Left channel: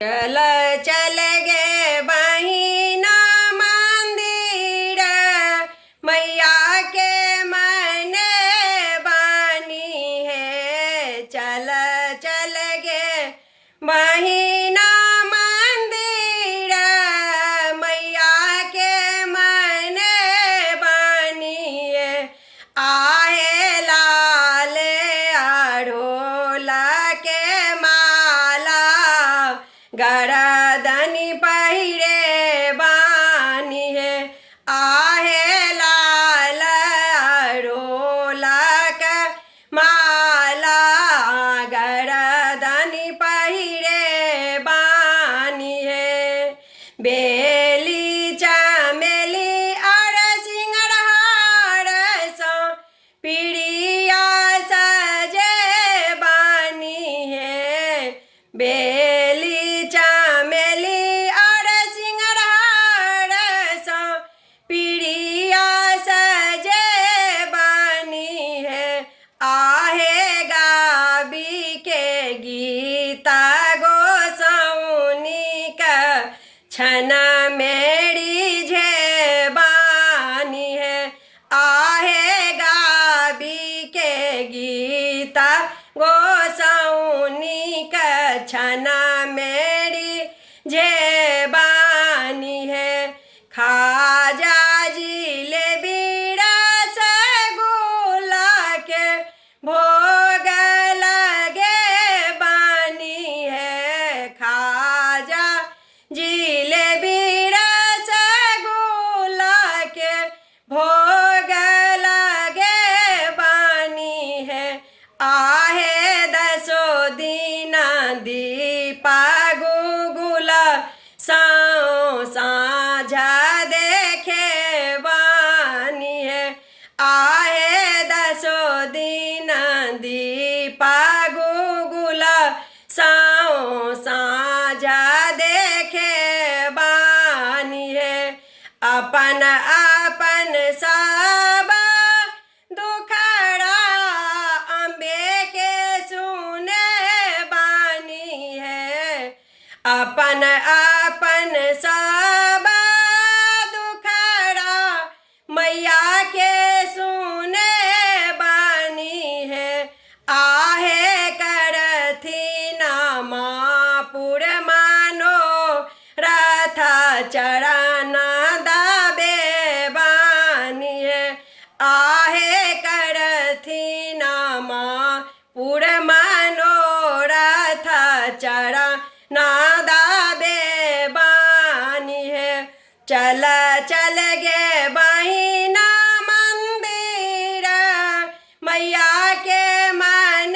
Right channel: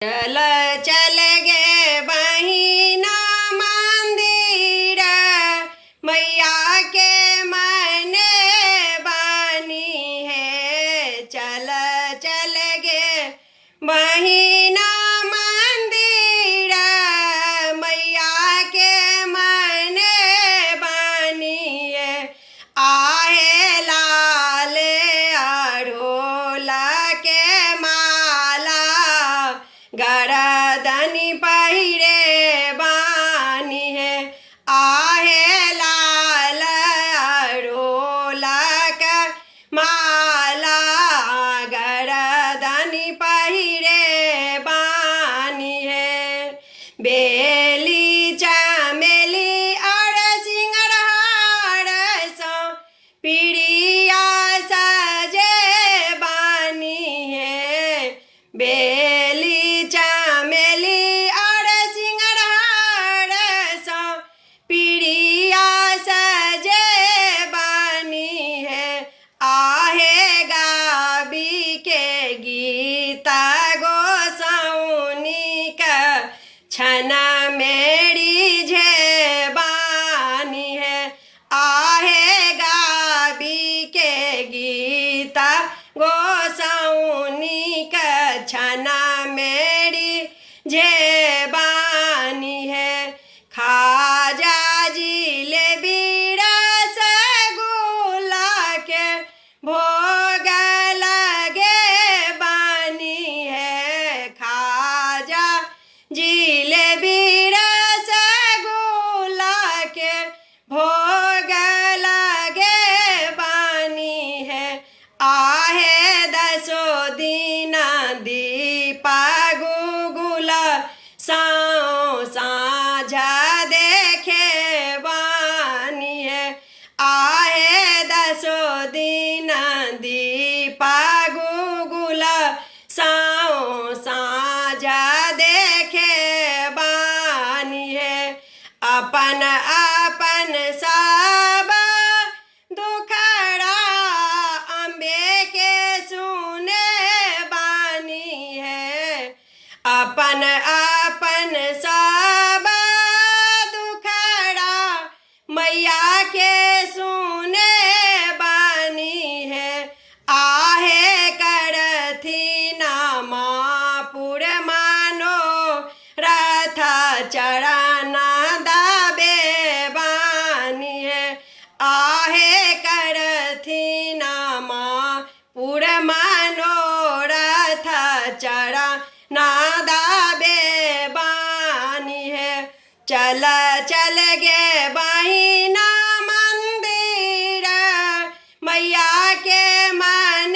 चल चल गे बहिना मंदिर मैया के मन बानी है। चल चल गे बहिना मंदिर मैया के मन बानी है। आहे लाल अढ़ोला के माला गरदनि पहिरे बानी है। आहे लाल अढ़ोला के माला गरदनि पहिरे बानी है। बेली चमेली और सिंगरहार सो पीड़िया सजे बानी है। बेली चमेली और सिंगरहार सो पीड़िया सजे बानी है। आहे गाबी के गीता गोसाउनी का छना मेरी जे बानी है। आहे गाबी के गीता गोसाउनी का छना मेरी जे बानी है। खाजा जिलेबी रसगुल्ला के भोग लगे बानी है। खाजा जिलेबी रसगुल्ला के भोग लगे बानी है। आहे दसो दीना दीपा गुगुला साओ साझा देखे बानी है। आहे दसो दीना दीपा गुगुला साओ साझा देखे बानी है। अपन अपन सब दुखड़ा अम्बे के सुने बानी है। अपन अपन सब दुखड़ा मैया के सुने बानी है। आहे करथी नामापुर मानो रथ चरण दाबे बानी है। आहे करथी नामापुर मानो रथ चरण दाबे बानी है। चल चल गे बहिना मंदिर मैया के मन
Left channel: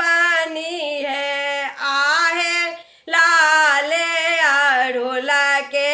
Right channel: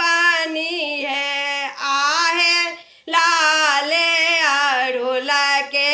बानी है। आहे लाल अढ़ोला के